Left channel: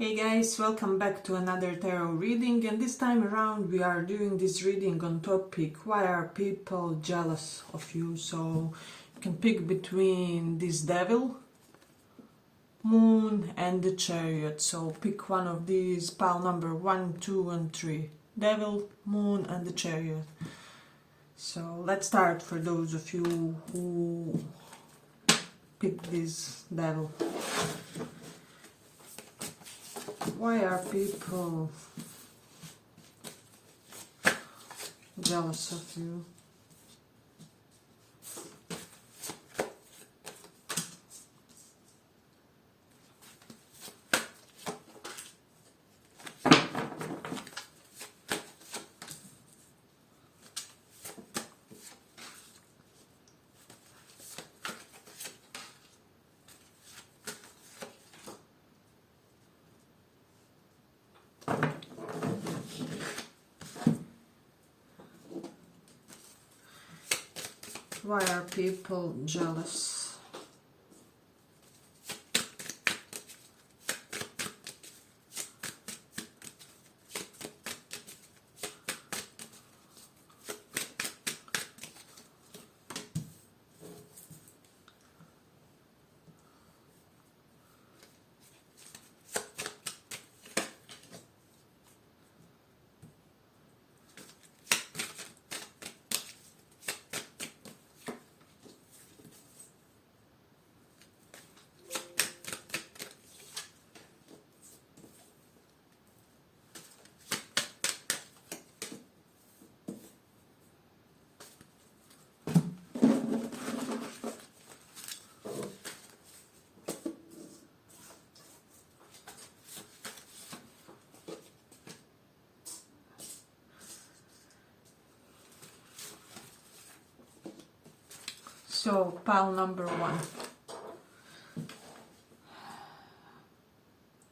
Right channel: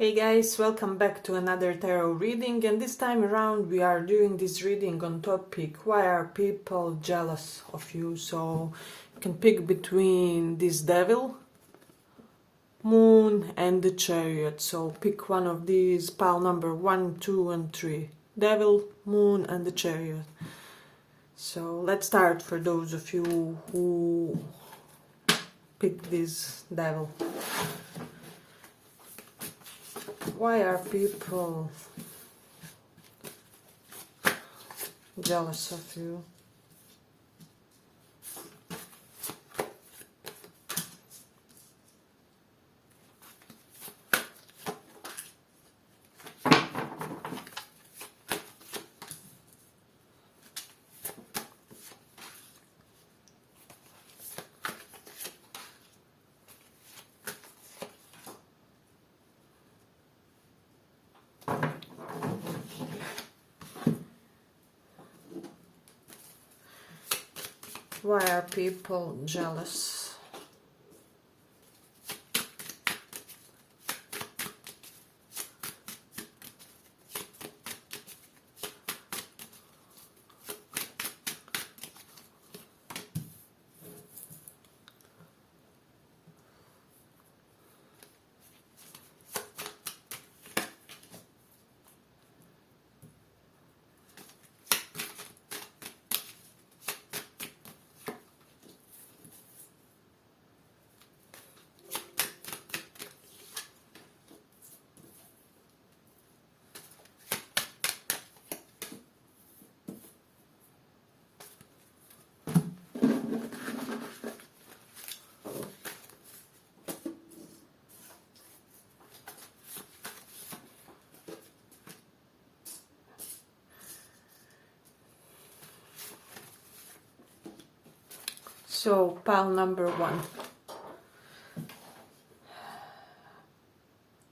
Hey guys, welcome back to another tarot reading, and this time around we are doing this reading on topic why are people jealous of you. So you can pick between this devil, moon and the chariot. So pick one of these, pile number 1, 2 and 3. Devil, moon and the chariot. So let's start for those of you who picked this devil. Why are people jealous of you? Why are people jealous? So, pile number 1.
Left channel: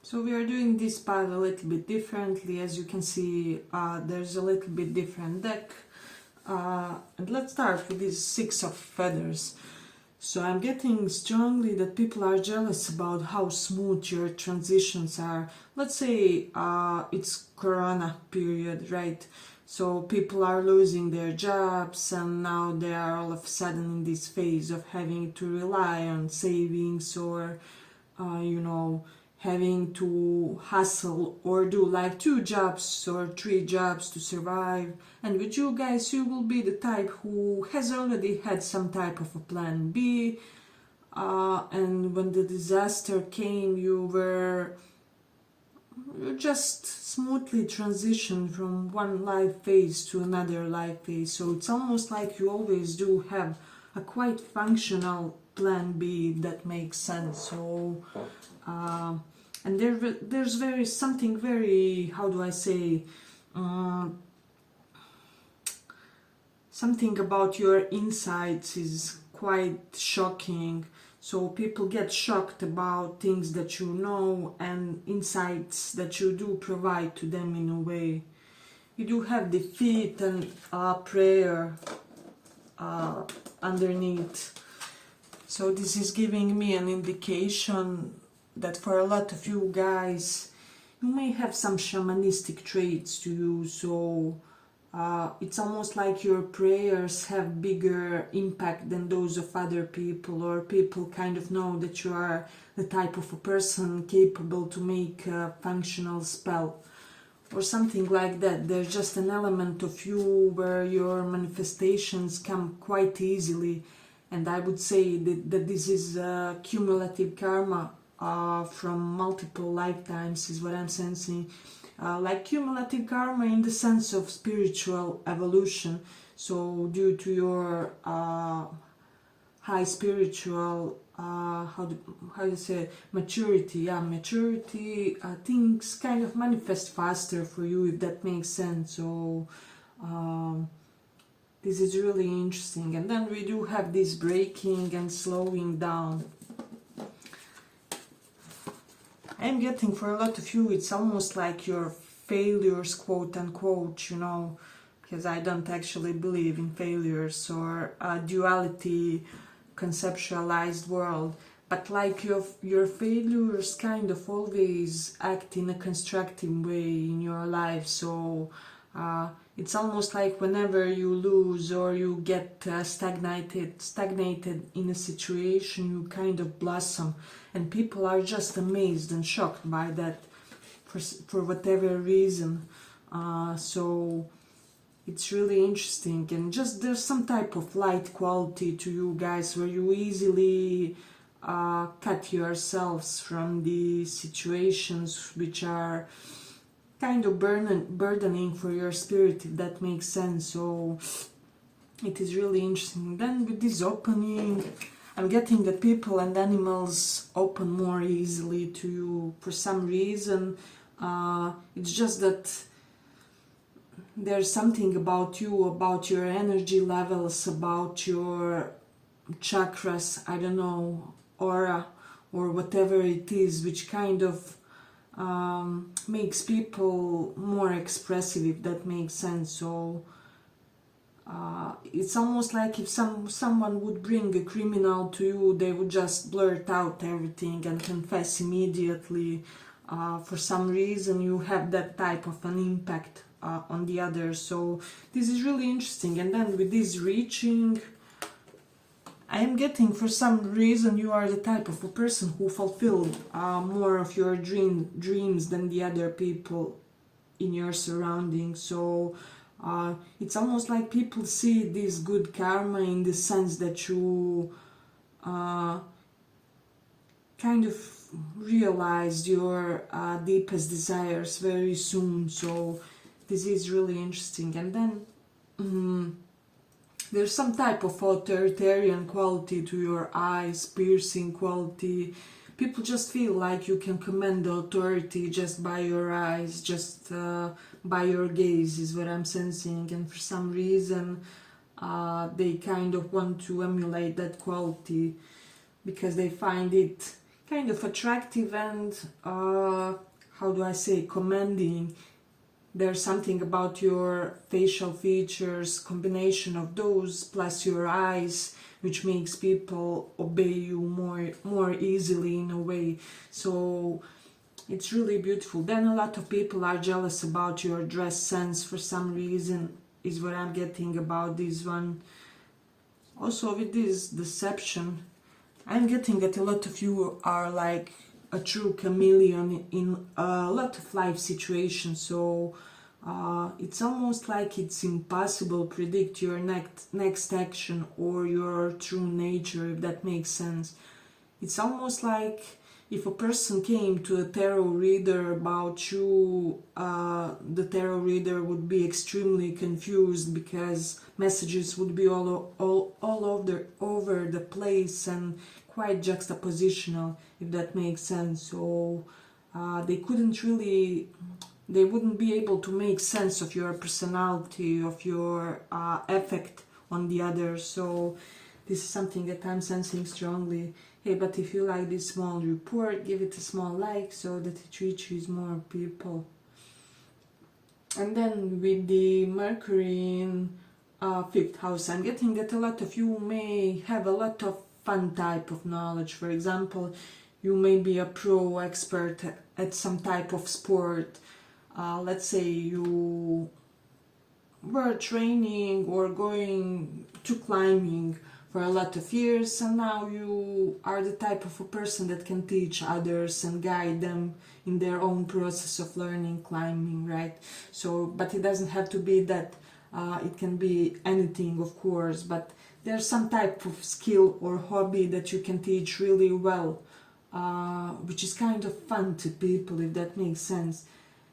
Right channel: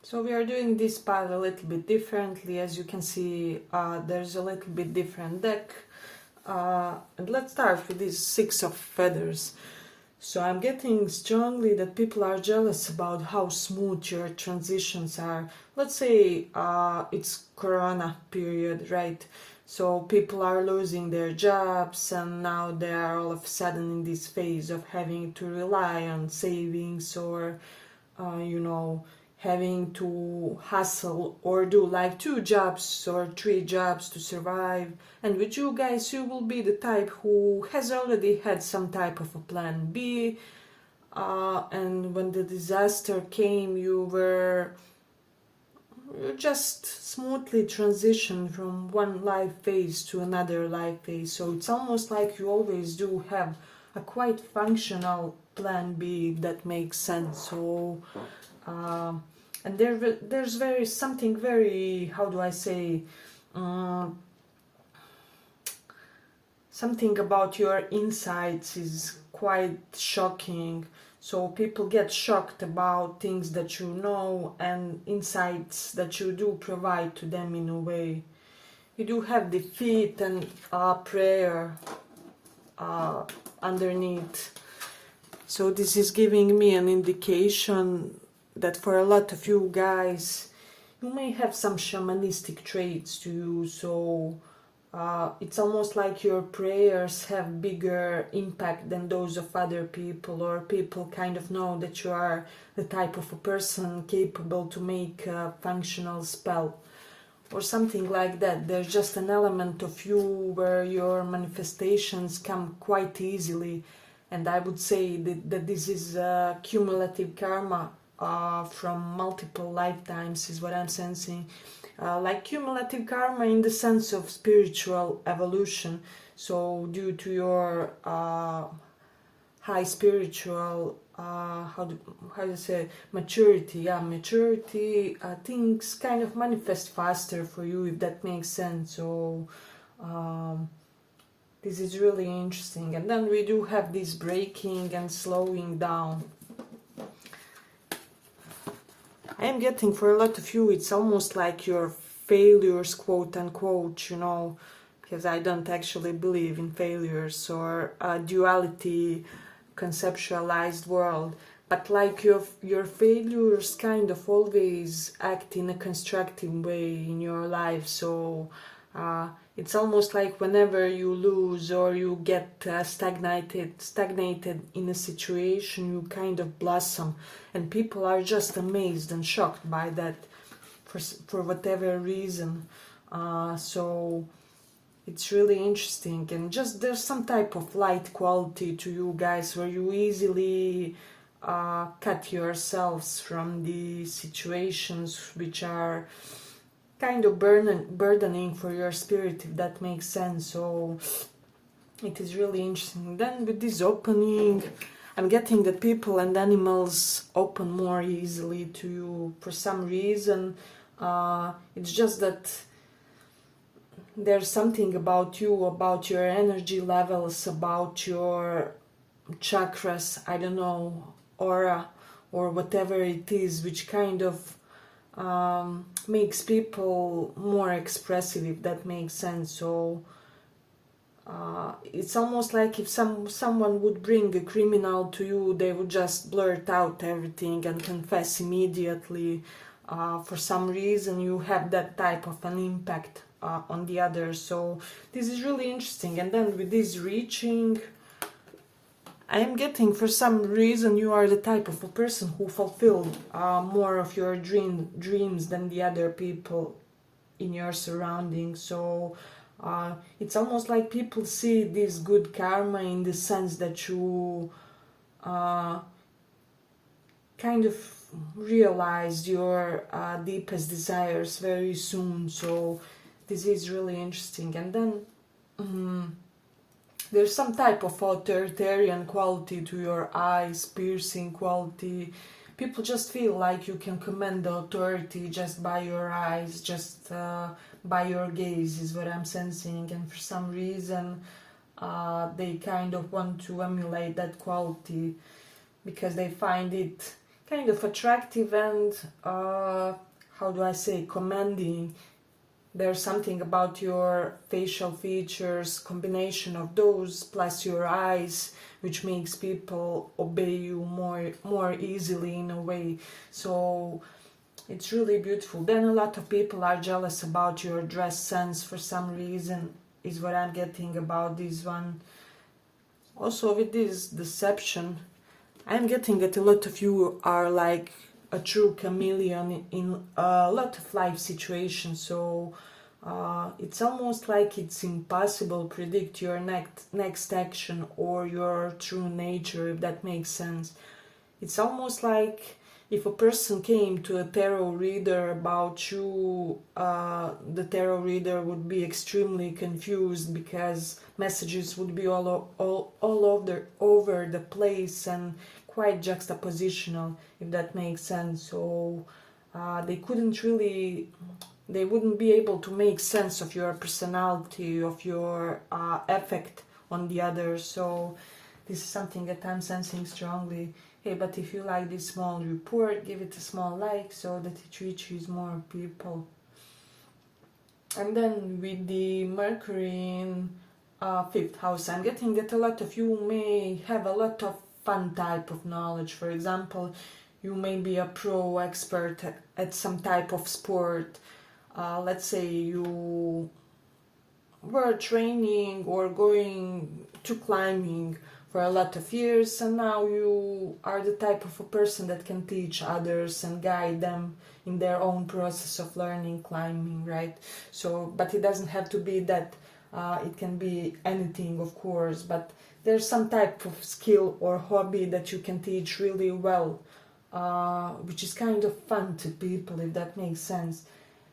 So we are doing this pile a little bit differently. As you can see, there's a little bit different deck. And let's start with this 6 of feathers. So I'm getting strongly that people are jealous about how smooth your transitions are. Let's say it's Corona period, right? So people are losing their jobs and now they are all of a sudden in this phase of having to rely on savings or, having to hustle or do like 2 jobs or 3 jobs to survive. And with you guys, you will be the type who has already had some type of a plan B. And when the disaster came, you just smoothly transition from one life phase to another life phase. So it's almost like you always do have a quite functional plan B, if that makes sense. So and there's something very, how do I say, something about your insights is quite shocking. So people get shocked about things that you know and insights that you do provide to them in a way. You do have defeat and prayer underneath. So this is giving me an indication that for a lot of you guys, you may have some shamanistic traits to you. So it's almost like your prayers have bigger impact than those of other people, or people kind of know that you are the type of a person capable to make a functional spell or something like that. There's just an element of you where your manifestations come quite easily, and I would say that this is cumulative karma from multiple lifetimes is what I'm sensing. Like cumulative karma in the sense of spiritual evolution. So due to your high spiritual how do you say, maturity, things kind of manifest faster for you, if that makes sense. So this is really interesting. And then we do have this breaking and slowing down. I'm getting for a lot of you, it's almost like your failures, quote unquote, because I don't actually believe in failures or a duality conceptualized world. but like your failures kind of always act in a constructive way in your life. So it's almost like whenever you lose or you get stagnated in a situation, you kind of blossom, and people are just amazed and shocked by that for whatever reason. So it's really interesting, and just there's some type of light quality to you guys where you easily cut yourselves from the situations which are kind of burdening for your spirit, if that makes sense. So it is really interesting. Then with this opening, I'm getting that people and animals open more easily to you for some reason. It's just that there's something about you, about your energy levels, about your chakras, I don't know, aura, or whatever it is, which kind of makes people more expressive, if that makes sense. So it's almost like if someone would bring a criminal to you, they would just blurt out everything and confess immediately. For some reason you have that type of an impact on the others. So this is really interesting. And then with this reaching, I am getting, for some reason, you are the type of a person who fulfill more of your dreams than the other people in your surroundings. So it's almost like people see this good karma in the sense that you kind of realize your deepest desires very soon. So this is really interesting. And then there's some type of authoritarian quality to your eyes, piercing quality. People just feel like you can command the authority just by your eyes, just by your gaze, is what I'm sensing. And for some reason, they kind of want to emulate that quality because they find it kind of attractive and, how do I say, commanding. There's something about your facial features, combination of those plus your eyes, which makes people obey you more easily in a way. So it's really beautiful. Then a lot of people are jealous about your dress sense for some reason, is what I'm getting about this one. Also with this deception, I'm getting that a lot of you are like a true chameleon in a lot of life situations. So it's almost like it's impossible to predict your next action or your true nature, if that makes sense. It's almost like if a person came to a tarot reader about you, the tarot reader would be extremely confused because messages would be all over the place and quite juxtapositional, if that makes sense. So they wouldn't be able to make sense of your personality, of your effect on the others. So this is something that I'm sensing strongly. Hey, but if you like this small report, give it a small like so that it reaches more people. And then with the Mercury in 5th house, I'm getting that a lot of you may have a lot of fun type of knowledge. For example, you may be a pro expert at some type of sport. Let's say you were training or going to climbing for a lot of years, and now you are the type of a person that can teach others and guide them in their own process of learning climbing, right? So, but it doesn't have to be that. It can be anything, of course, but there's some type of skill or hobby that you can teach really well, which is kind of fun to people, if that makes sense.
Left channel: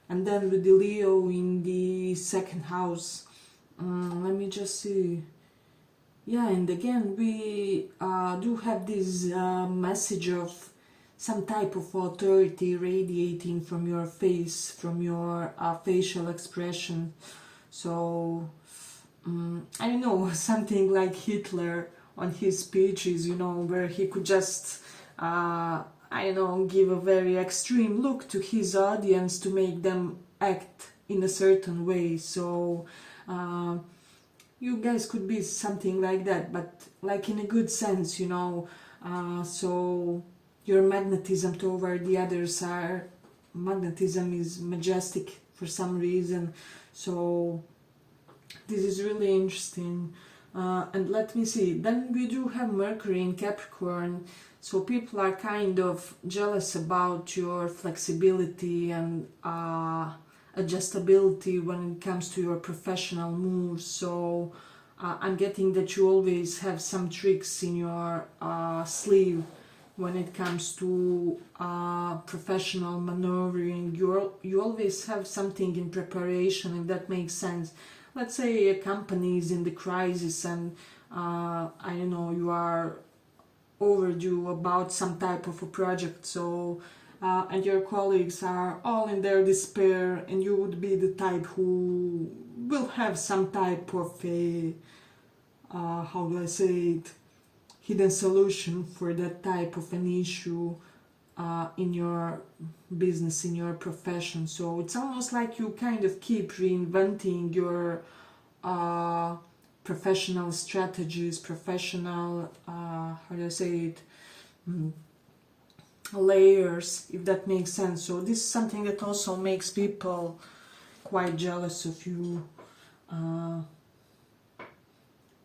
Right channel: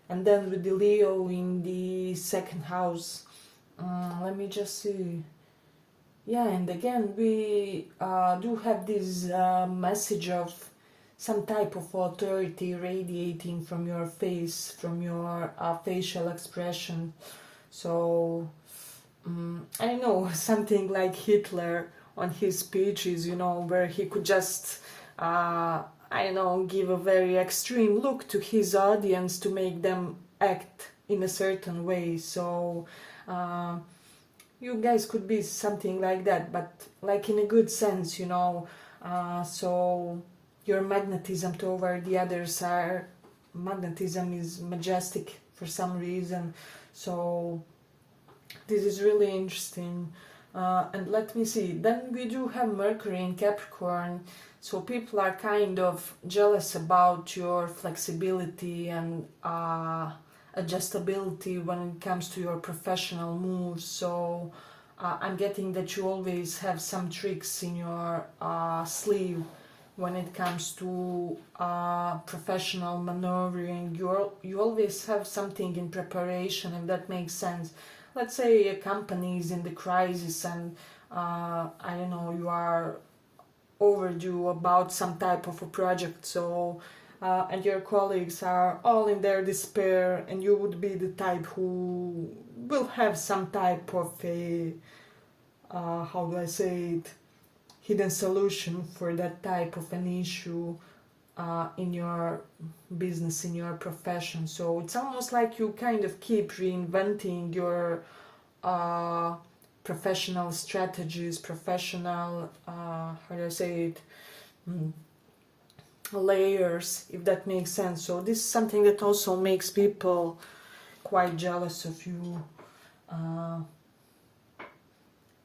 And then with the Leo in the 2nd house, let me just see. Yeah, and again, we do have this message of some type of authority radiating from your face, from your facial expression. So, I don't know, something like Hitler on his speeches, where he could just, give a very extreme look to his audience to make them act in a certain way. So, you guys could be something like that, but like in a good sense, So your magnetism toward the others magnetism is majestic for some reason. So this is really interesting. And let me see, then we do have Mercury in Capricorn, so people are kind of jealous about your flexibility and adjustability when it comes to your professional moves. So I'm getting that you always have some tricks in your sleeve when it comes to professional maneuvering. You always have something in preparation, if that makes sense. Let's say a company is in the crisis and I don't know, you are overdue about some type of a project, so and your colleagues are all in their despair, and you would be the type who will have some type of a how do I say it, hidden solution for that type of an issue in your business, in your profession. So it's almost like you kind of keep reinventing your professional strategies, professional, how do I say it, layers, if that makes sense. So this is something that also makes people quite jealous of you.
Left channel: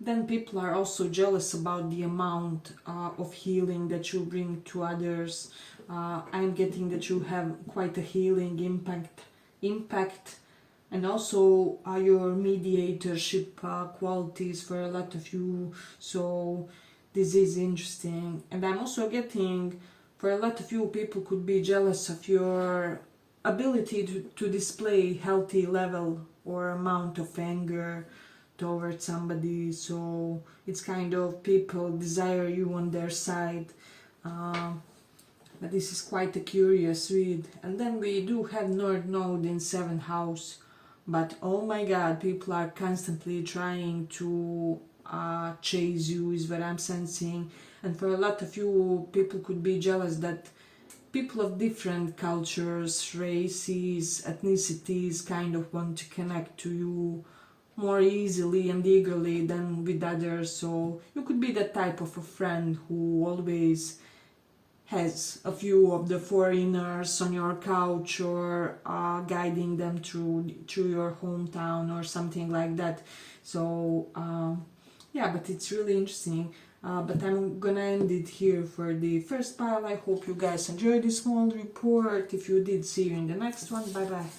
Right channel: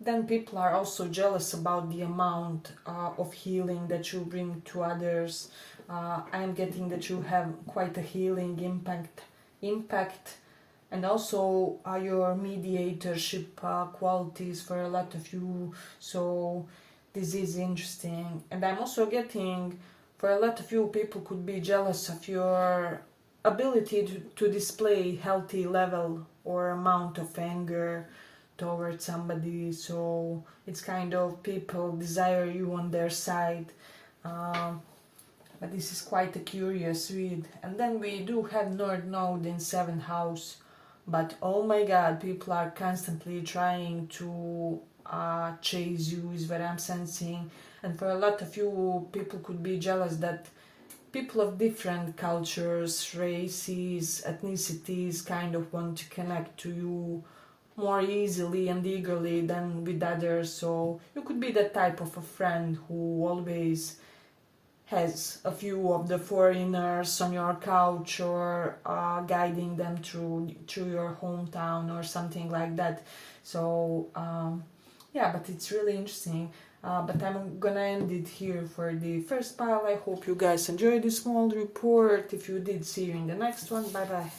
Then people are also jealous about the amount of healing that you bring to others. I'm getting that you have quite a healing impact, and also your mediatorship qualities for a lot of you. So this is interesting. And I'm also getting, for a lot of you, people could be jealous of your ability to display healthy level or amount of anger towards somebody. So it's kind of people desire you on their side. But this is quite a curious read. And then we do have North Node in 7th house. But oh my god, people are constantly trying to chase you, is what I'm sensing. And for a lot of you, people could be jealous that people of different cultures, races, ethnicities kind of want to connect to you more easily and eagerly than with others. So you could be that type of a friend who always has a few of the foreigners on your couch, or guiding them through your hometown or something like that. So yeah, but it's really interesting. But I'm gonna end it here for the first pile. I hope you guys enjoyed this small report. If you did, see you in the next one. Bye bye.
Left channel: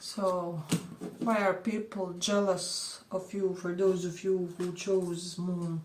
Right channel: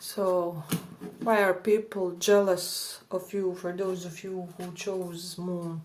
So, why are people jealous of you, for those of you who chose Moon?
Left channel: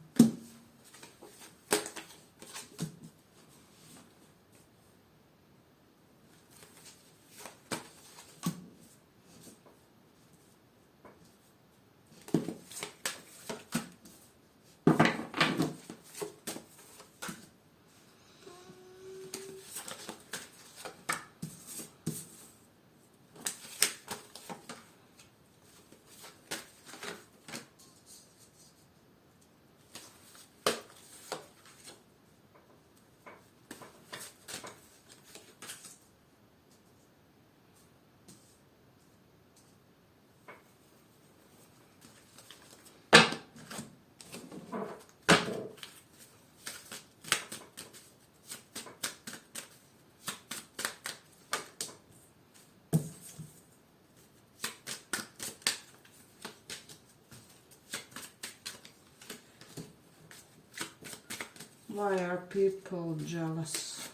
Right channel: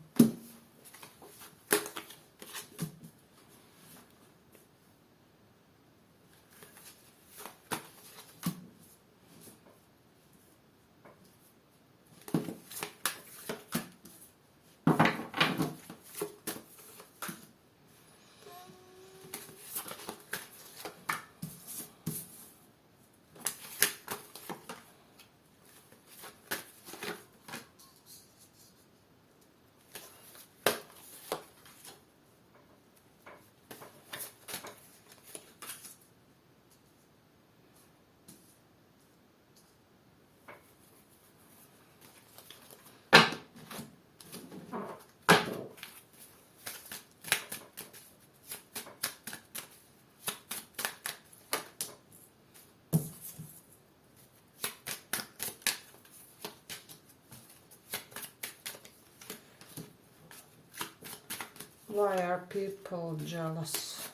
Why are people jealous?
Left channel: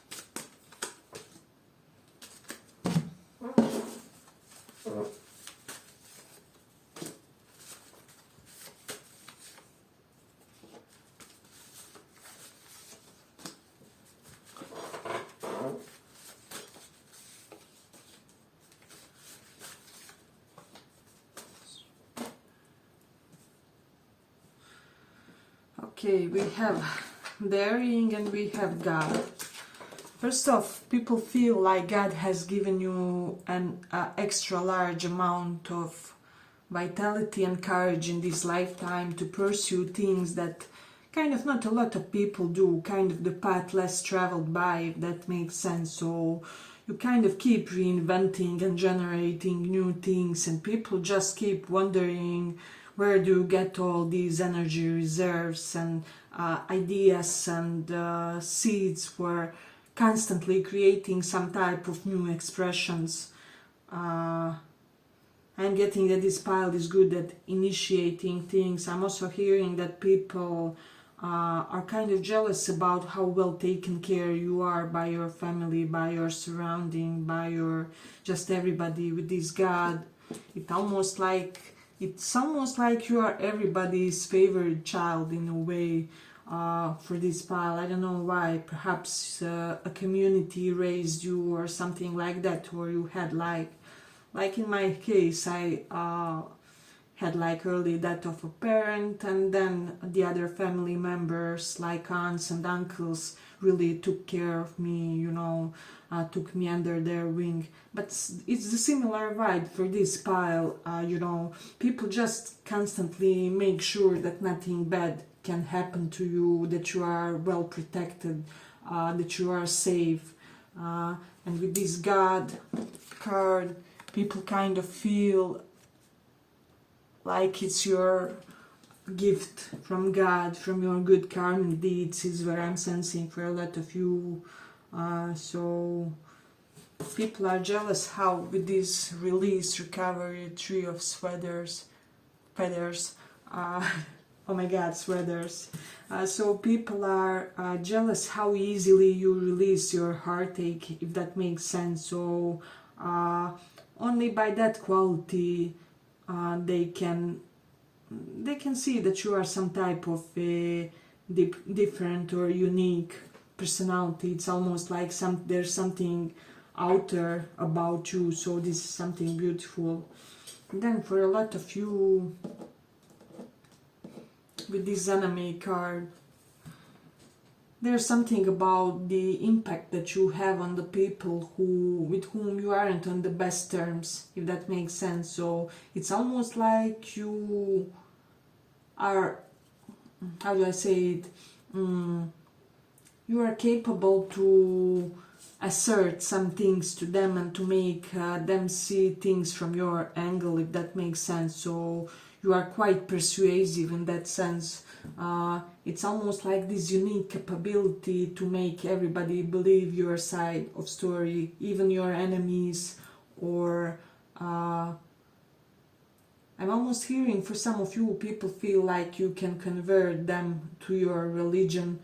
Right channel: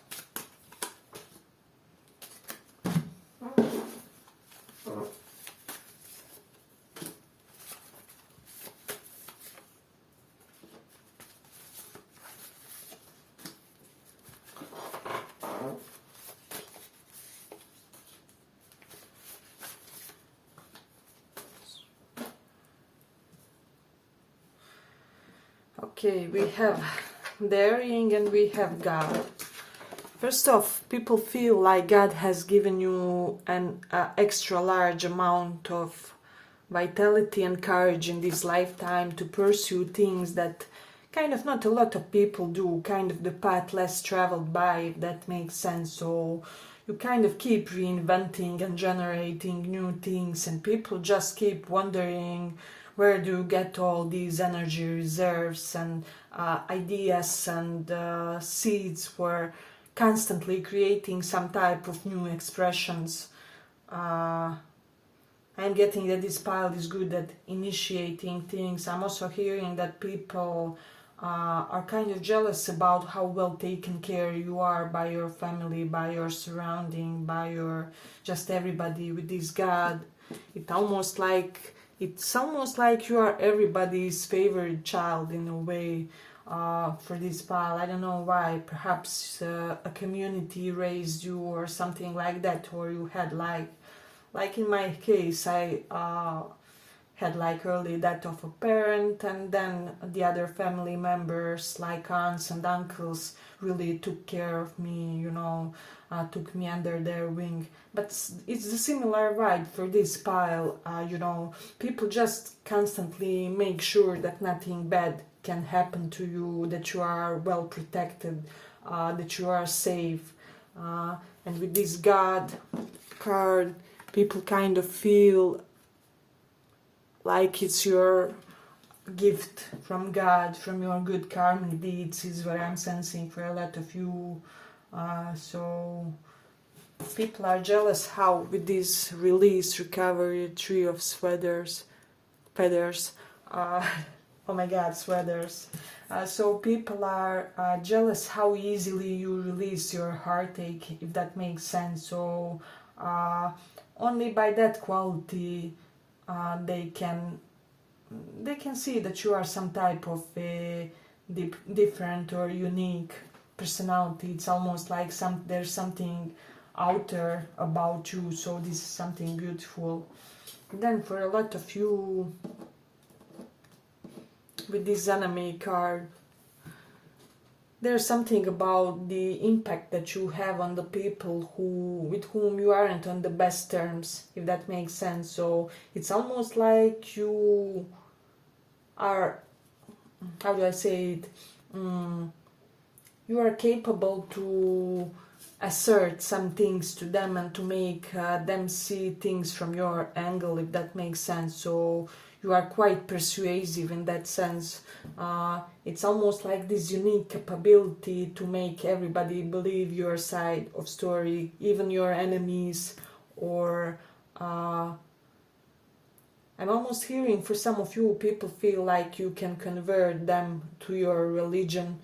Okay, we have daring and we have God. First off, people feel like God has given you an extra large amount of vitality and courage in this lifetime to pursue things that kind of not a lot of people do, kind of the path less traveled by, if that makes sense. So you kind of keep reinventing and generating new things, and people just keep wondering, where do you get all these energy reserves and ideas and seeds for constantly creating some type of new expressions. I'm getting that this pile is good at initiating things. I'm also hearing that people are kind of jealous about how well taken care you are by your family, by your surrounding, by your just everybody with this God. It's almost like you are everybody's favorite child in a way. For this pile, I don't know why. Perhaps a community raised you or something like that, or you had like in my case, I had like early death of a parent, and then the other family members like aunts and uncles really took care of me, took me under their wing. But it's the similar vibe for this pile. People just constantly make sure that nothing bad can happen to you, that you are well protected, that you are safe. And with this God card, people kind of feel like it's your gift from God, from your good karmic deeds, is what I'm sensing for a lot of you. So people are jealous how with this release, recovery, tree of feathers, oh my God, sweaters. So people are jealous how easily you release your heartache, if that makes sense. So only by that quality they can see that you are some type of a different or unique personality. It's almost like there's something outer about you. So this is something beautiful. And then for a lot of you, with this enemy card, there's something about the impact that you have on the people with whom you aren't on the best terms, if that makes sense. So it's almost like you are, how do I say it, you are capable to assert some things to them and to make them see things from your angle, if that makes sense. So you are quite persuasive in that sense. It's almost like this unique capability to make everybody believe your side of story, even your enemies. Or I'm almost hearing for some of you, people feel like you can convert them to your religion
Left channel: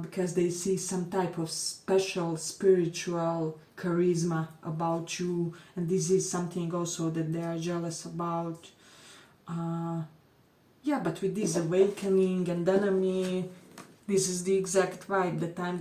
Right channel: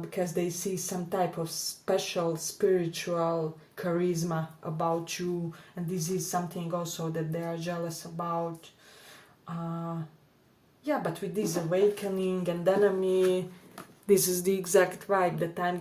because they see some type of special spiritual charisma about you, and this is something also that they are jealous about. But with this awakening and enemy, this is the exact vibe that I'm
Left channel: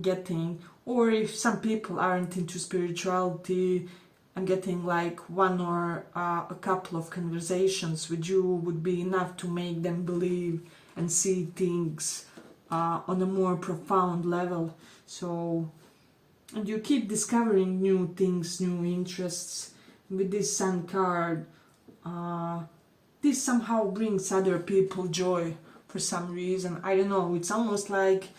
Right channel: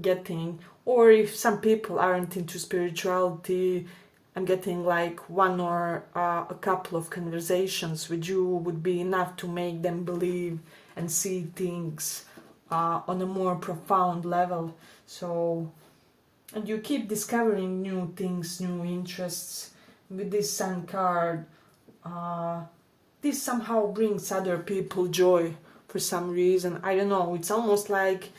getting. Or if some people aren't into spirituality, I'm getting like one or a couple of conversations with you would be enough to make them believe and see things on a more profound level. So, and you keep discovering new things, new interests. With this Sun card, this somehow brings other people joy for some reason. I don't know, it's almost like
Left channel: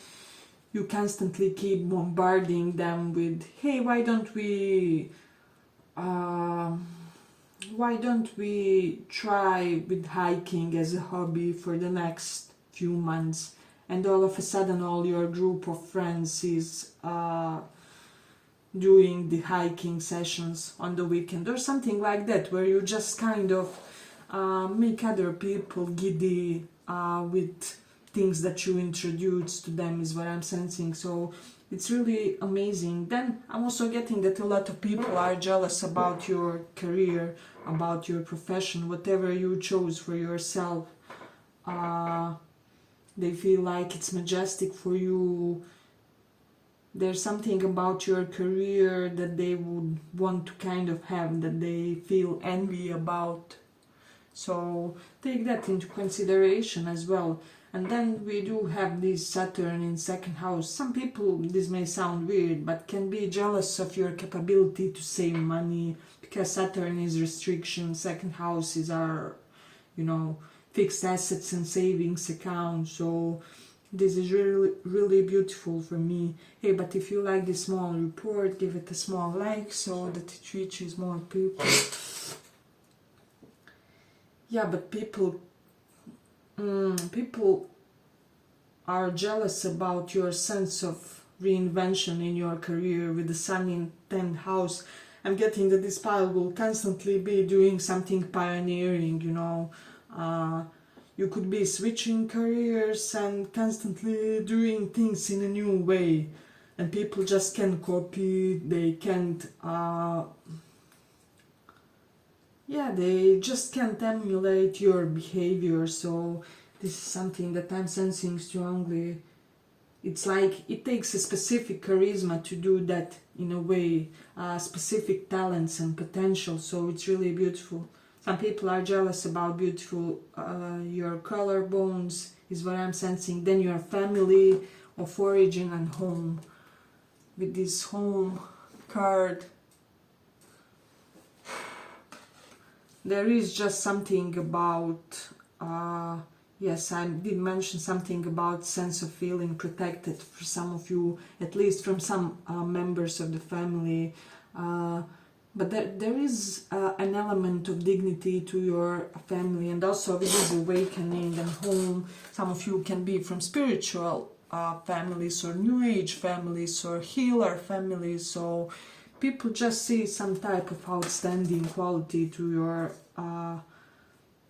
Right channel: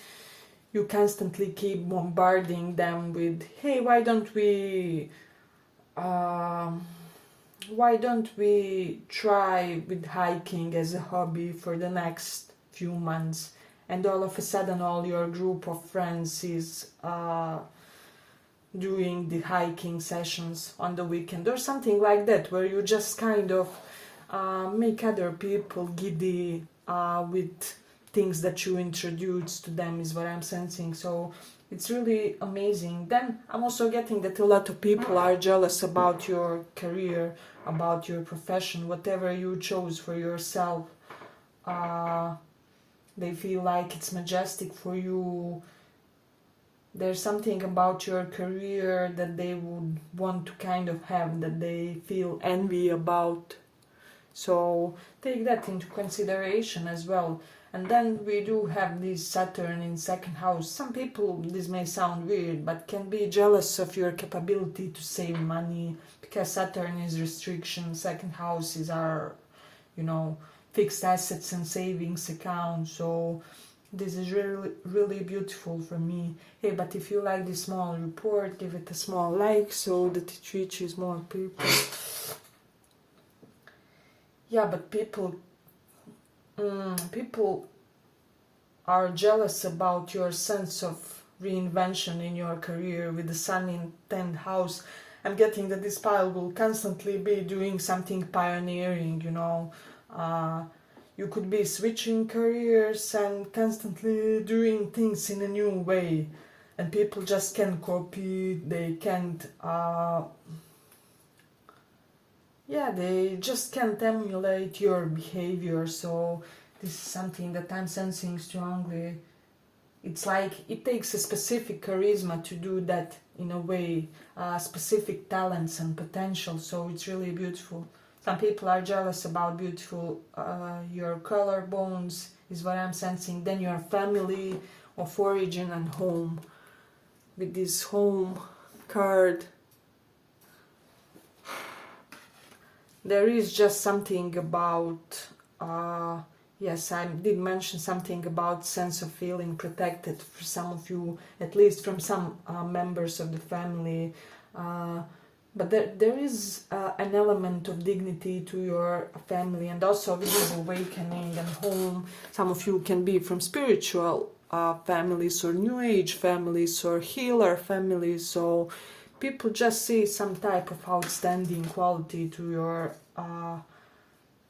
you constantly keep bombarding them with, hey, why don't we try with hiking as a hobby for the next few months? And all of a sudden all your group of friends is doing the hiking sessions on the weekend or something like that, where you just kind of make other people giddy with things that you introduce to them, is what I'm sensing. So it's really amazing. Then I'm also getting that a lot of people are jealous about your career, about your profession, whatever you chose for yourself. They feel like it's majestic for you. There's something about your career that they would want to kind of have, that they feel envy about. So take that into consideration as well. And then we do have this Saturn in second house. Some people, this may sound weird, but can be jealous of your capability to save money, because Saturn is restriction. Second house is our, fixed assets and savings account. So this is really beautiful for me. Hey, but if you like this small report, give it a small like so that it reaches more people. Yeah, but people are jealous about your sense of reinvention in your career with the sun in 10th house. I'm getting that this pile will constantly be doing something pioneering, you know. You could be switching careers and constantly doing things in a new way. And people just can't copy, they can't, they just can't emulate your behavior. So this is something that I'm sensing strongly. It's like it takes a specific charisma to do that in a way, specific talents and potential. So it's really beautiful. Some people are jealous about beautiful, your collarbones is what I'm sensing. Then your family of origin and home. With this home card, there is just something about, yes, I did mention something about sense of feeling protected for some of you, at least from some members of the family. But there is an element of dignity to your family, and also with this awakening and home. Some of you can be from spiritual families or new age families or healer families. So people just see some type of outstanding quality to your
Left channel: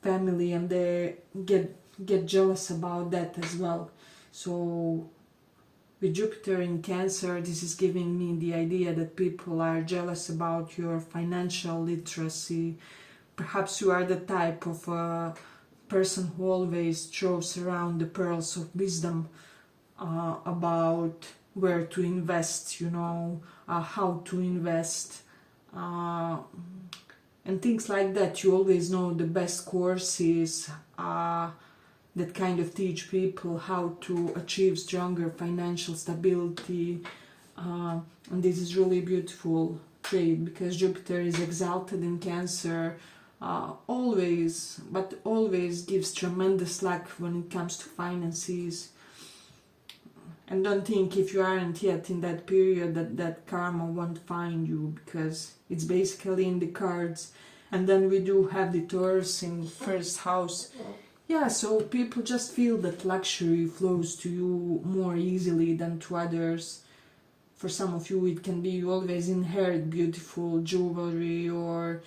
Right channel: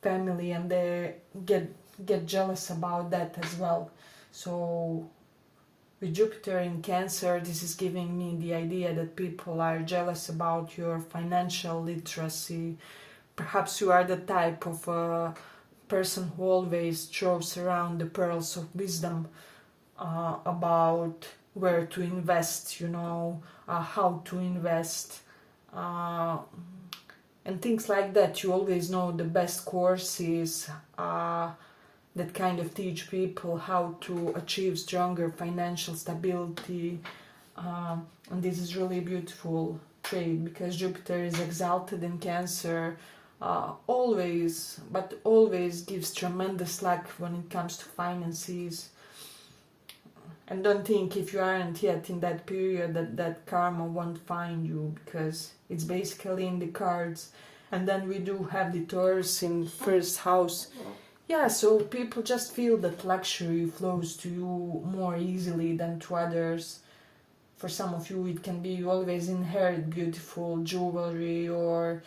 family, and they get jealous about that as well. So with Jupiter in Cancer, this is giving me the idea that people are jealous about your financial literacy. Perhaps you are the type of person who always throws around the pearls of wisdom about where to invest, you know, how to invest, and things like that. You always know the best courses that kind of teach people how to achieve stronger financial stability, and this is really beautiful trait because Jupiter is exalted in Cancer, always gives tremendous luck when it comes to finances. And don't think if you aren't yet in that period that karma won't find you, because it's basically in the cards. And then we do have the Taurus in the first house. Yeah, so people just feel that luxury flows to you more easily than to others. For some of you, it can be you always inherit beautiful jewelry, or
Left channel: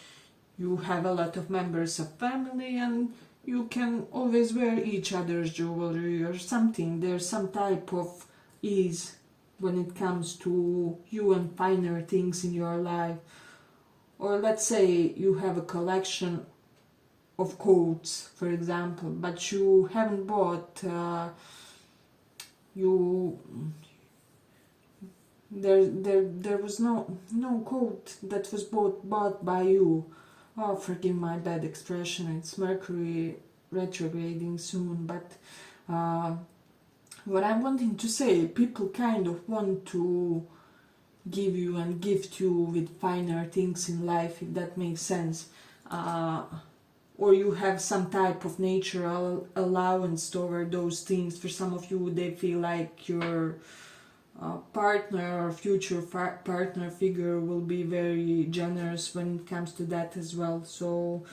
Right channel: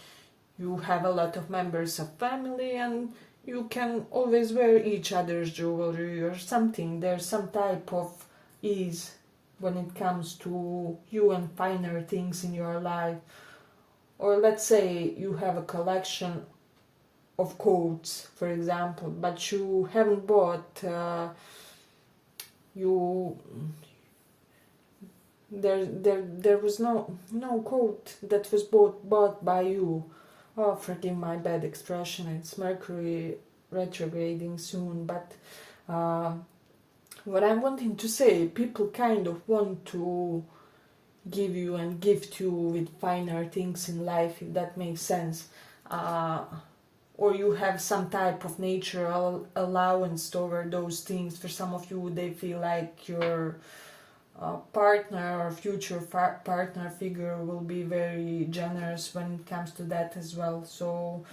you have a lot of members of family and you can always wear each other's jewelry or something. There's some type of ease when it comes to you and finer things in your life. Or let's say you have a collection of coats, for example, but you haven't bought there was no coat that was bought by you. Oh, forgive my bad expression, it's Mercury retrograding soon, but what I'm wanting to say, people kind of want to give you and gift you with finer things in life, if that makes sense. Or you have some type of natural allowance toward those things. For some of you, they feel like your partner or future partner figure will be very generous when it comes to that as well. So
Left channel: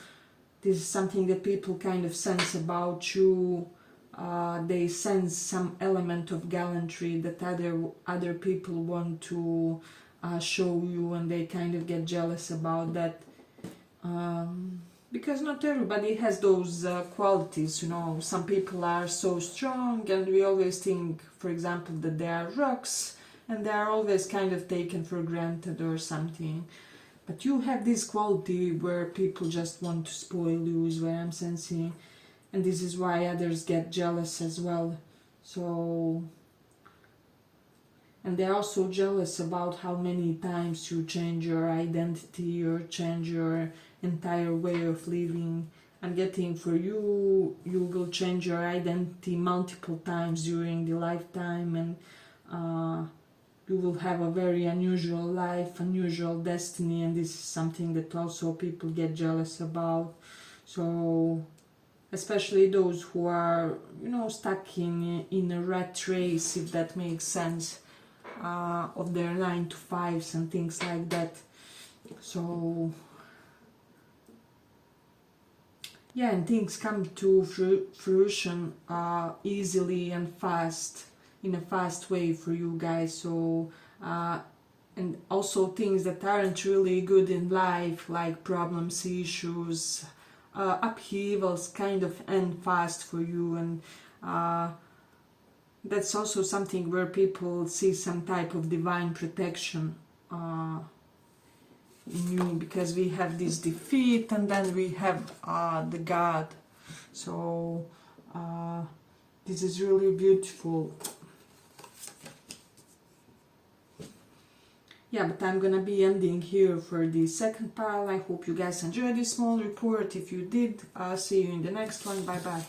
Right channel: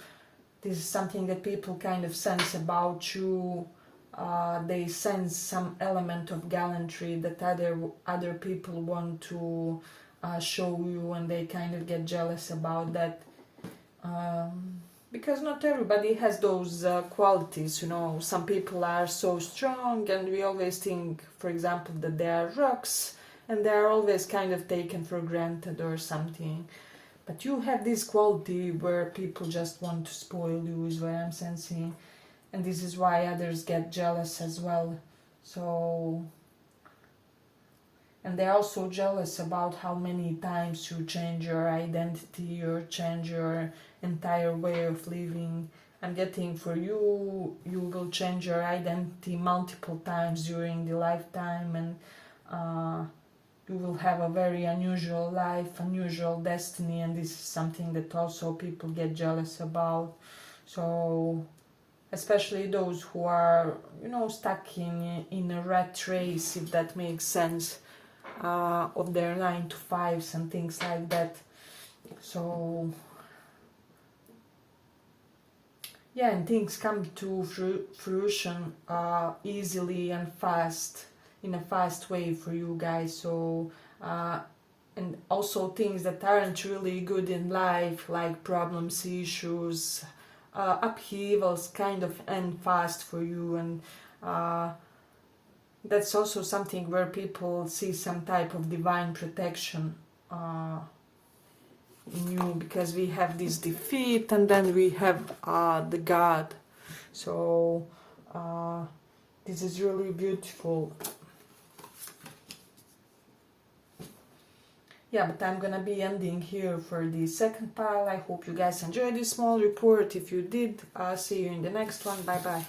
this is something that people kind of sense about you. They sense some element of gallantry that other people want to show you, and they kind of get jealous about that. Because not everybody has those qualities, you know. Some people are so strong and we always think, for example, that they are rocks and they are always kind of taken for granted or something. But you have this quality where people just want to spoil you, is what I'm sensing. And this is why others get jealous as well. So, and they're also jealous about how many times you change your identity or change your entire way of living. I'm getting for you, you will change your identity multiple times during the lifetime, and you will have a very unusual life, unusual destiny, and this is something that also people get jealous about. So especially those who are, you know, stuck in a rat race, if that makes sense, of their 9 to 5s and things like that. So yeah, and things come to fruition easily and fast, in a fast way for you guys. So and also things that aren't really good in life, like problems, issues, upheavals, kind of end fast for you. And that's also something where people see some type of divine protection in you, because we have this defeat and then we have the God. So this is really beautiful. Yeah, but I'm gonna be ending here for the second pile. I hope you guys enjoyed this small report. If you did, see you in the next one. Bye bye.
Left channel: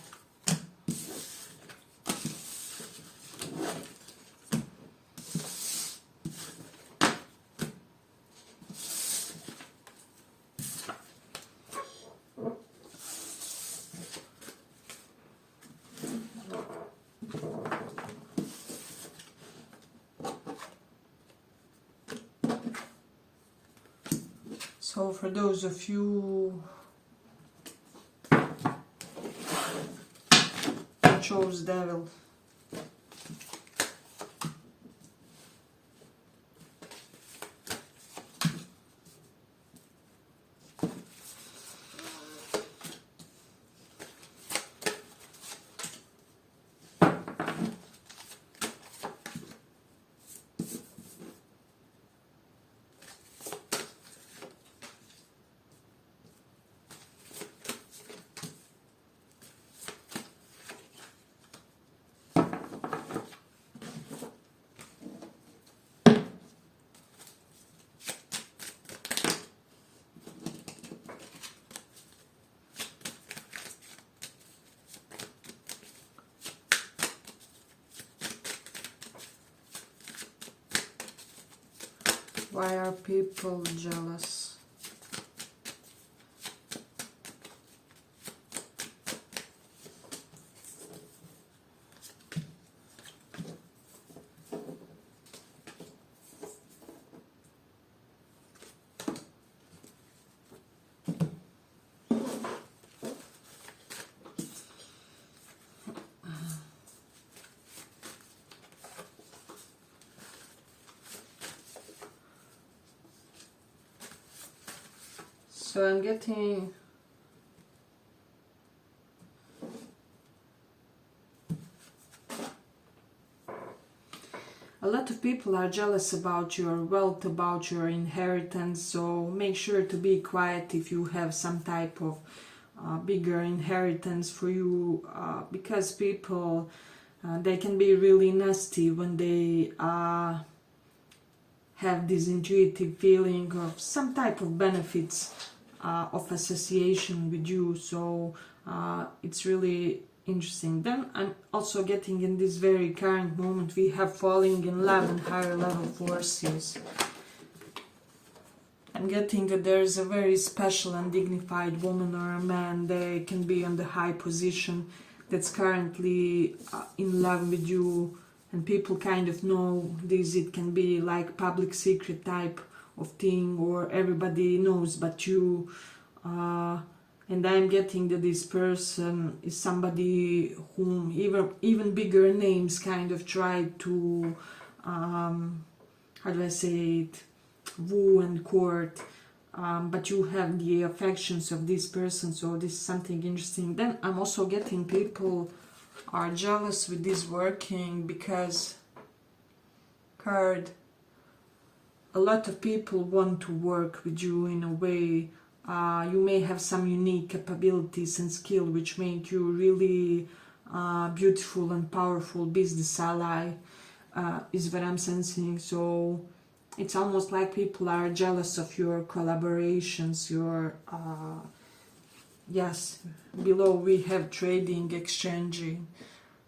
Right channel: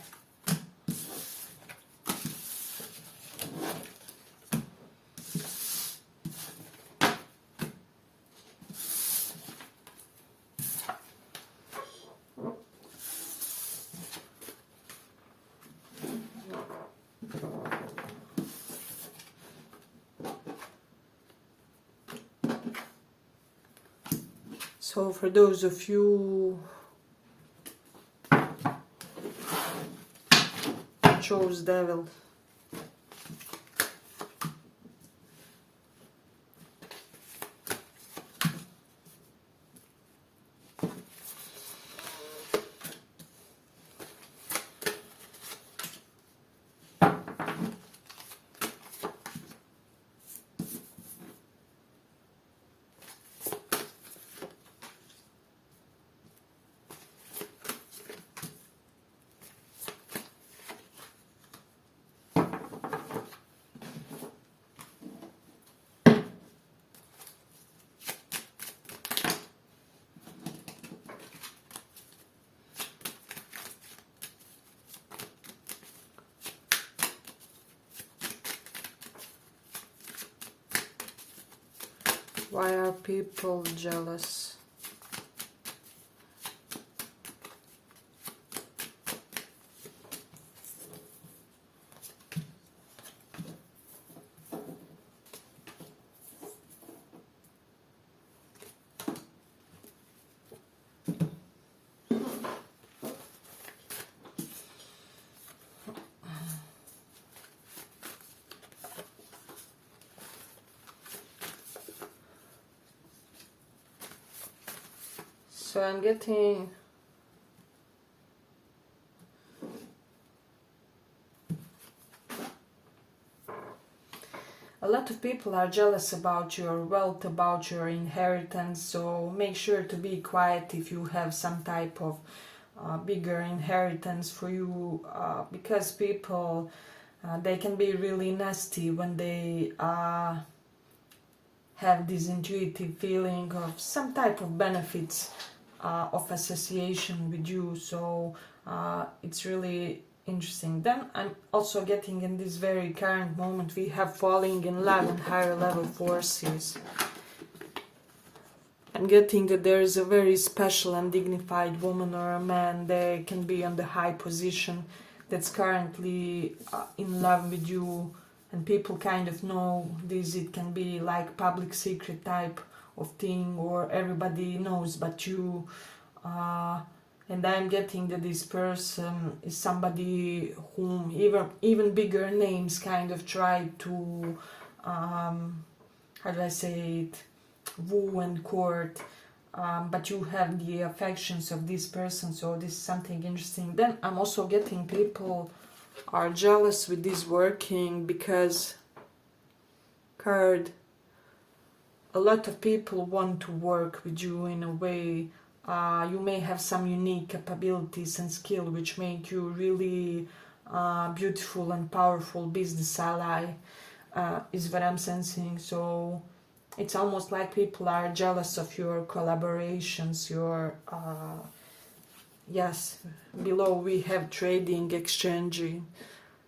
So for those of you who chose devil, why are people jealous? So I'm getting a lot of people are jealous about your wealth, about your inheritance, so make sure to be quiet if you have some type of bigger inheritance for you, because people, they can be really nasty when they have this intuitive feeling of some type of benefits of association with you. So it's really interesting. Then I'm also getting, in this very current moment, we have falling in love and higher level forces. I'm getting that there is a very special and dignified woman or a man, they can be on the high position, that's currently in love with you, and people kind of know this. It can be like public secret type of thing, or everybody knows but you. And I'm getting that this person is somebody whom even bigger names kind of try to, how do I say it, woo and court. But you have the affections of this person, so this is something interesting. Then I'm also getting people are jealous with this working, because card, a lot of people want to work with you in a way. You may have some unique capabilities and skill which make you really beautiful and powerful business ally, is what I'm sensing. So it's almost like people are jealous of your collaborations, your yes, below we have trading, exchanging,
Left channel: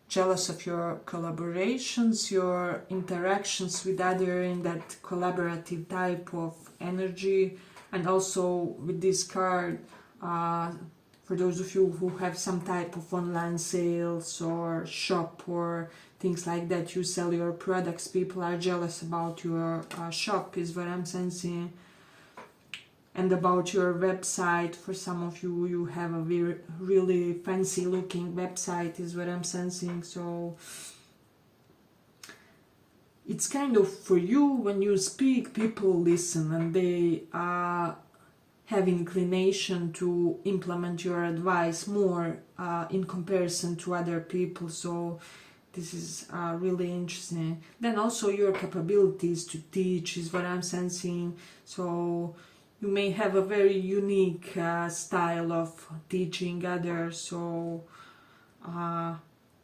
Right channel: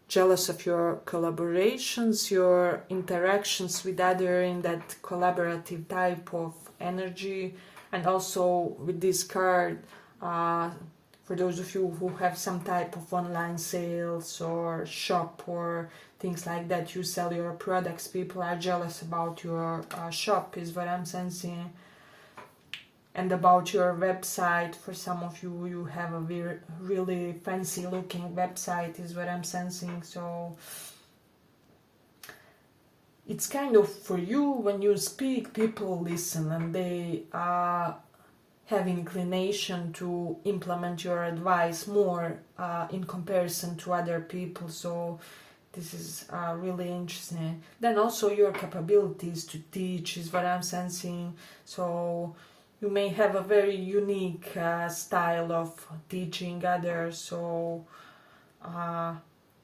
jealous of your collaborations, your interactions with other in that collaborative type of energy. And also with this card, for those of you who have some type of online sales or shop or things like that, you sell your products, people are jealous about your shop, is what I'm sensing. And about your website, for some of you, you have a really fancy looking website, is what I'm sensing. So it's kind of for you, when you speak, people listen and they have inclination to implement your advice more in comparison to other people. So this is really interesting. Then also your capabilities to teach is what I'm sensing. So you may have a very unique style of teaching others. So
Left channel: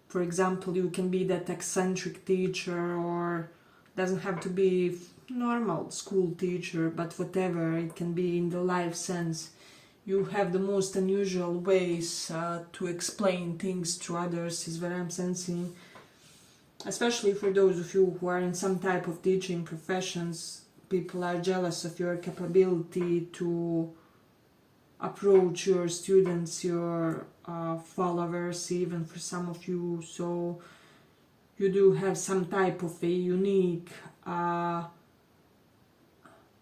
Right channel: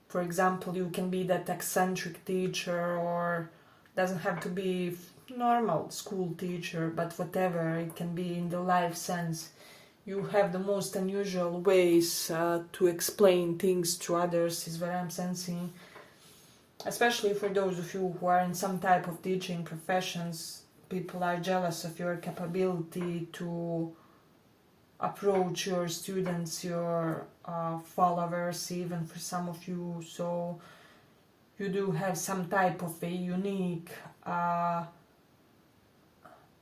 for example, you can be that eccentric teacher, or doesn't have to be normal school teacher, but whatever, it can be in the life sense. You have the most unusual ways to explain things to others, is what I'm sensing. Especially for those of you who are in some type of teaching professions, people are jealous of your capability to approach your students, your followers, even for some of you. So you do have some type of a unique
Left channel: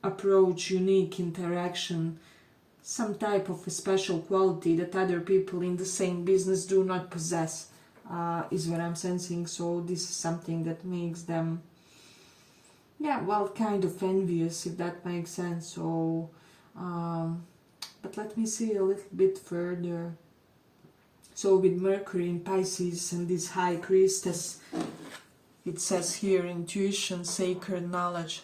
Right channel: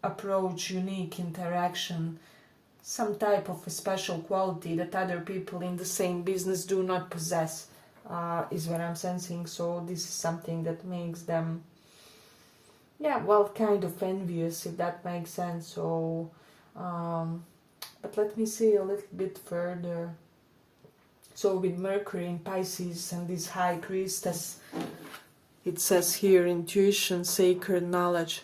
approach, unique interaction, some type of a special quality that other people in the same business do not possess, is what I'm sensing. So this is something that makes them, kind of envious, if that makes sense. So but let me see a little bit further. So with Mercury in Pisces and this High Priestess, it says here, intuition, sacred knowledge.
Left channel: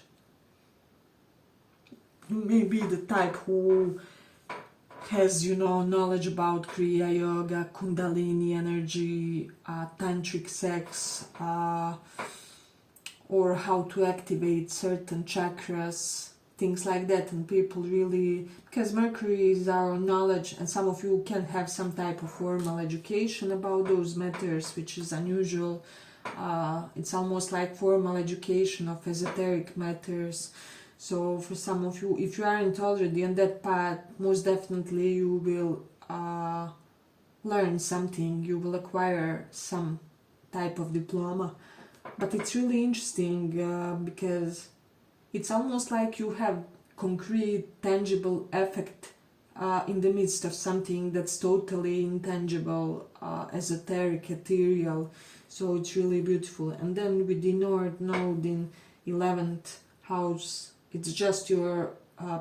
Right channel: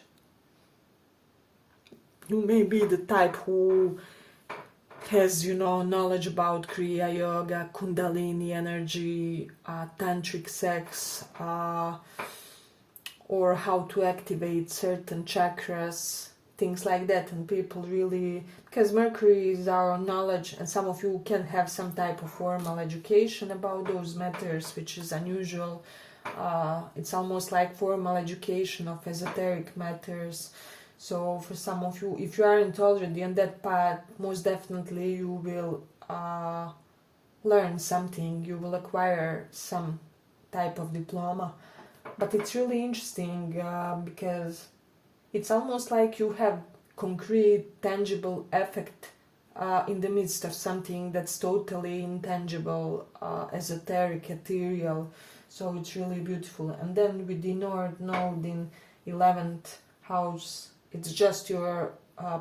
You may be the type who has, knowledge about Kriya Yoga, Kundalini energy, tantric sex, or how to activate certain chakras, things like that. And people really, because Mercury is our knowledge, and some of you can have some type of formal education about those matters, which is unusual. It's almost like formal education of esoteric matters. So for some of you, if you aren't already on that path, most definitely you will learn something, you will acquire some type of diploma. But it's really interesting because it's almost like you have concrete, tangible effect in the midst of something that's totally intangible, esoteric, ethereal. So it's really beautiful. And then with the North Node in 11th house, it's just your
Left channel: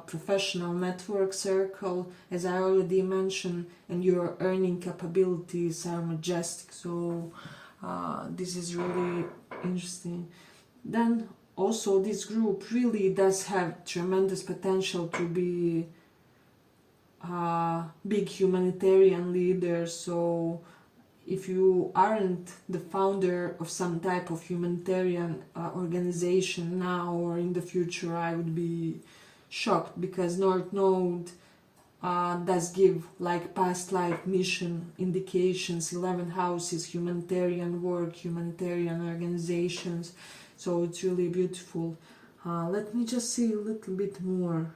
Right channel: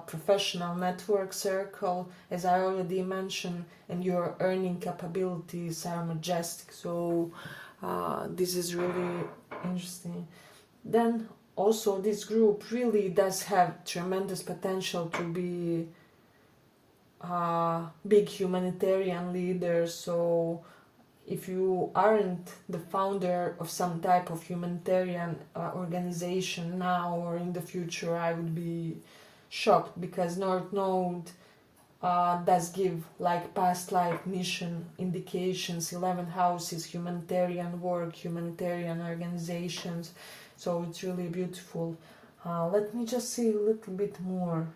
professional network circle, as I already mentioned, and your earning capabilities are majestic. So this is really interesting. Then also this group really does have tremendous potential to be big humanitarian leaders. So if you aren't the founder of some type of humanitarian organization now or in the future, I would be shocked, because North Node does give like past life mission indications. 11th house is humanitarian work, humanitarian organizations. So it's really beautiful. Let me just see a little bit more.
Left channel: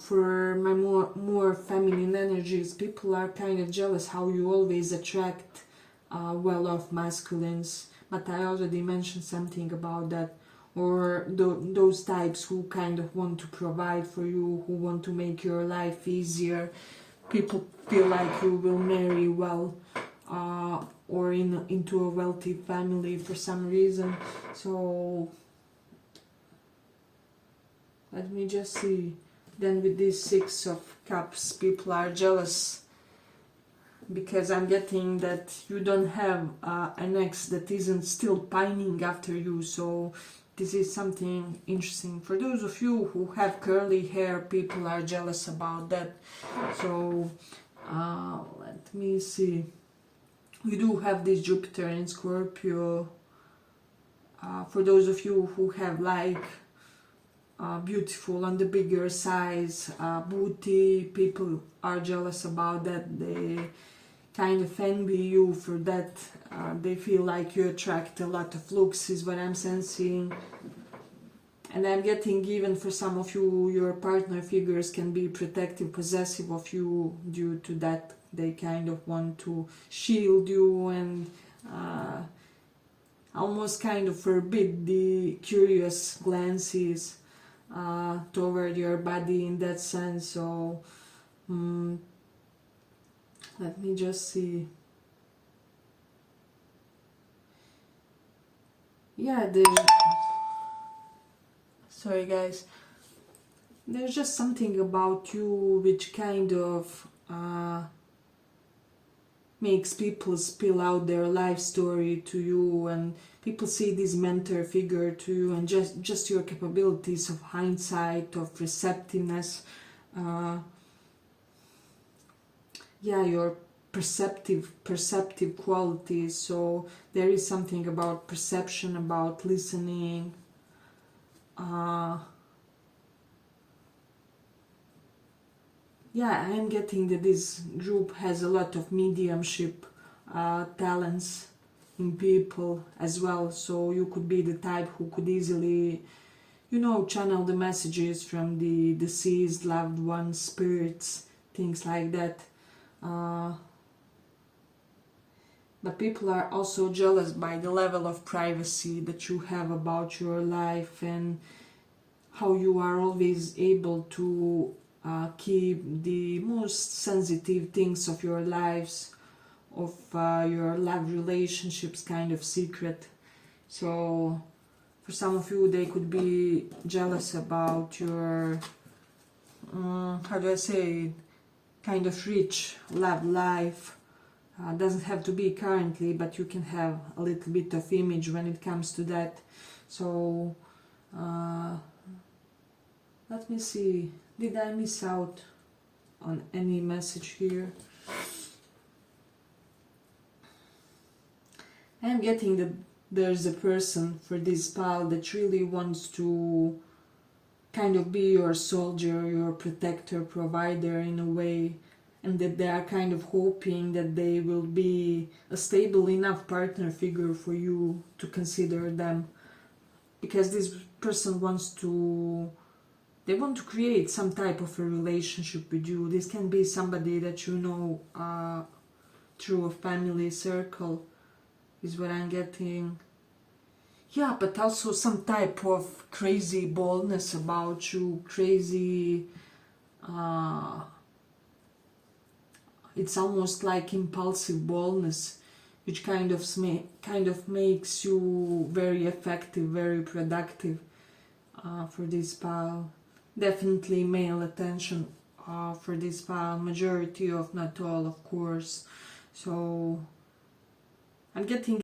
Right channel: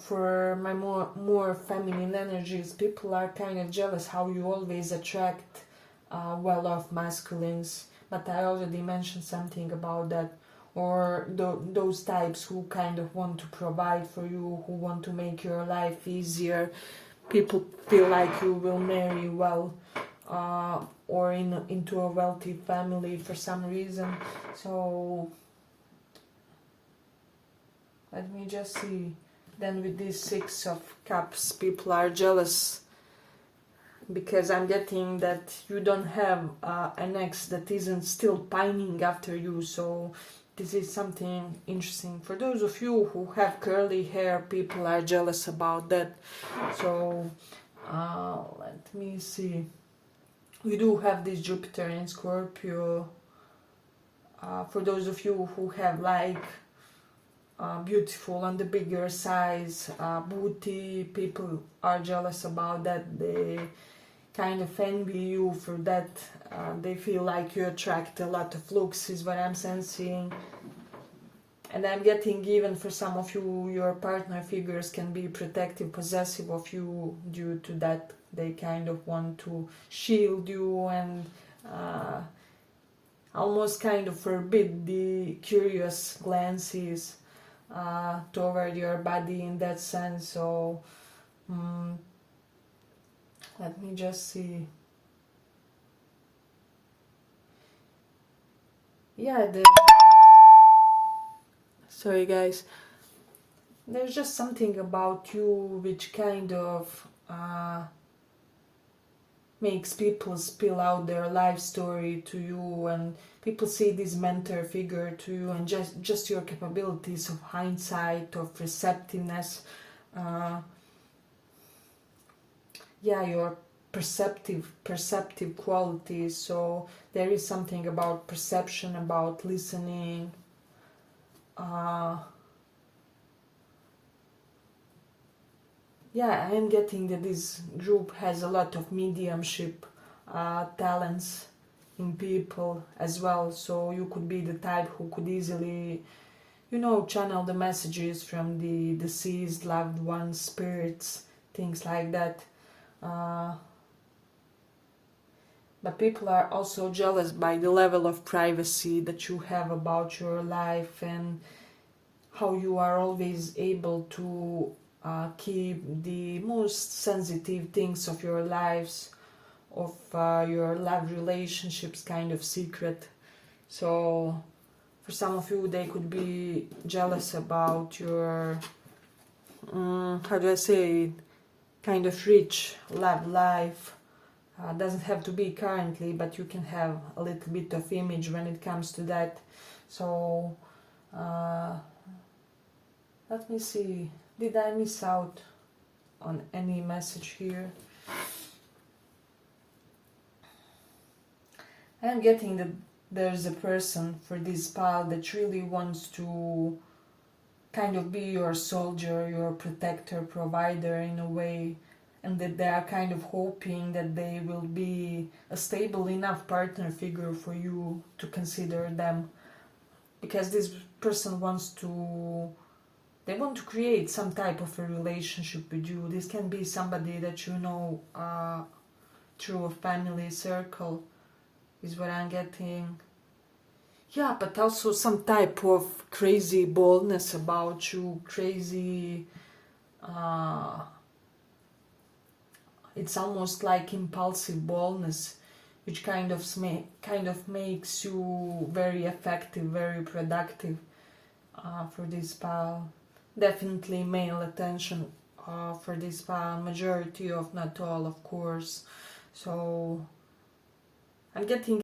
For my more feminine energies, people are kind of jealous how you always attract well-off masculines, but I already mentioned something about that. Or those types who kind of want to provide for you, who want to make your life easier. People feel like you will marry well or into a wealthy family for some reason. So let me just see. Then with this 6 of Cups, people are jealous because I'm getting that you don't have an ex that isn't still pining after you. So this is something interesting. For those of you who have curly hair, people are jealous about that. So let me see. We do have this Jupiter in Scorpio. For those of you who have like beautiful on the bigger size booty, people are jealous about that. They kind of envy you for that. They feel like you attract a lot of looks, is what I'm sensing. And I'm getting, even for some of you, your partner figures can be protective, possessive of you. Due to that, they kind of want to shield you and almost kind of forbid the curious glances toward your body in that sense. So let me just see. Yeah, sorry guys, there's just something about you which kind of makes people spill out their life story to you, and people see this mentor figure to you, and just your capabilities of hindsight, of receptiveness, yeah, your perceptive qualities. So there is something about perception, about listening. Yeah, I am getting that this group has a lot of mediumship talents in people as well. So you could be the type who could easily, channel the messages from the deceased loved ones, spirits, things like that. But people are also jealous by the level of privacy that you have about your life, and how you are always able to keep the most sensitive things of your lives, of your love relationships, kind of secret. So for some of you, they could be jealous about your, how do I say it, kind of rich love life. Doesn't have to be currently, but you can have a little bit of image when it comes to that. So let me see, did I miss out on any message here? I'm getting that there's a person for this pile that really wants to kind of be your soldier, your protector, provider in a way, and that they are kind of hoping that they will be a stable enough partner figure for you to consider them, because this person they want to create some type of a relationship with you. This can be somebody that you know through a family circle, is what I'm getting. Yeah, but also some type of crazy boldness about you, crazy, it's almost like impulsive boldness, which kind of makes you very effective, very productive for this pile. Definitely male attention for this pile, majority of, not all, of course. So I'm getting